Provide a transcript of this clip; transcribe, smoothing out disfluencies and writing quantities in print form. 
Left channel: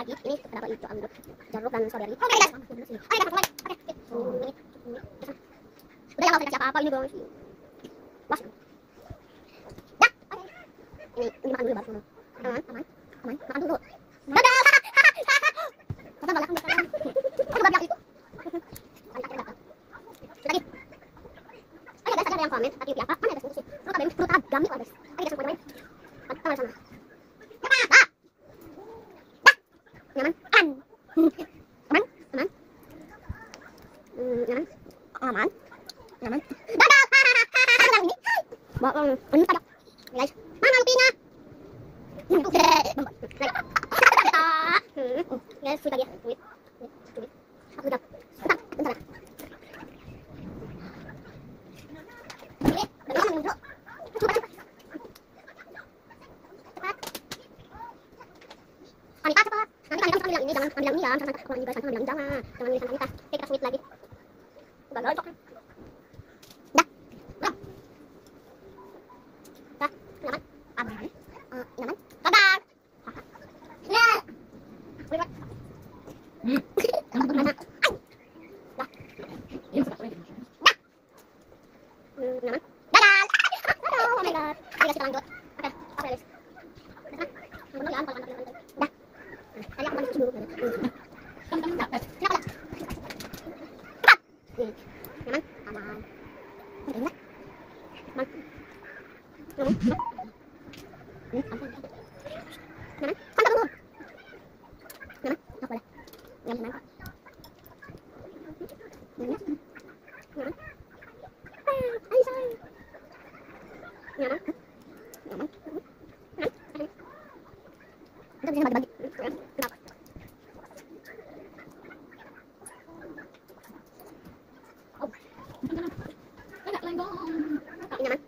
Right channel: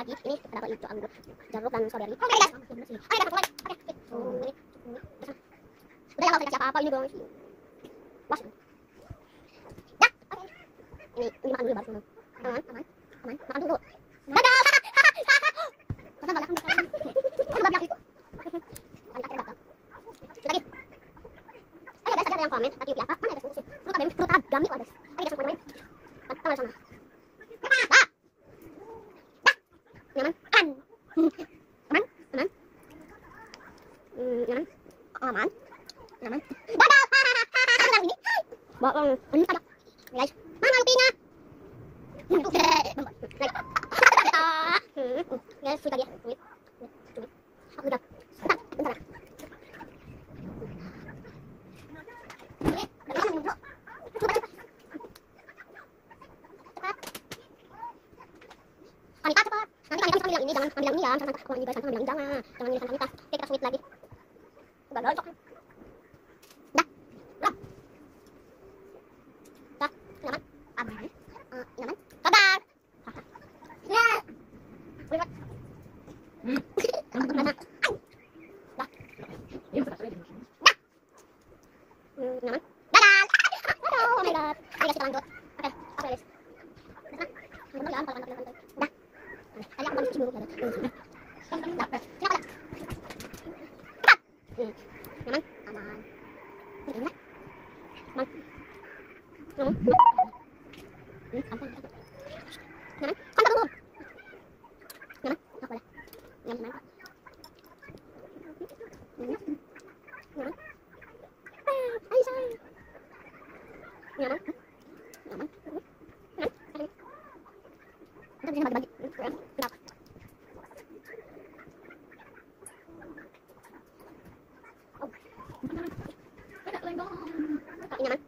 lagi. Ini berapa itu anggur, jeruk dan strawberry. Oke guys. Oke guys, mulai. Oke. Udah ya, nggak usah dikasih apa-apa ini guys. Wah. Ya. Oke. Ini makan dulu baru. Aman. Makan dulu. Dadah. Jangan banyak makan. Banyak itu. Lagi. Oke guys, ada yang komen tapi apa? Mana ada sih? Lu kadang perut agam itu ada. Ayo guys, main. Tangan sana. Nyaman. Nyaman. Dadah. Yang ini. Bawa ini ada. Guys, mana Lupina? Yang itu. Guys, sudah dia. Wait. Aku udah. Bentar. Anita cepat. Nanti Anita ambil yang ini, jangan ambil yang ini ya. Jangan ambil yang ini, jangan. Jangan milih Anita. Kita sweet lagi. Udah gocok. Dah. Dah. Dah. Nyaman. Aman. Nyaman. Dadah. Nah. Boleh. Mana? Dah. Dah. Nyaman. Dadah. Oh my god. Ayo kita lanjut. Oke, apa lagi? Dah. Dah. Ada apa sih dulu? Kenapa? Nyaman? Aman. Enggak. Aman. Nyaman? Nyaman? Kan dulu. Nyaman? Enggak boleh. Nyaman. Nyaman? Ayo sayang. Nyaman? Nyaman? Udah bisa bagi-bagi. Kenapa? Nyaman?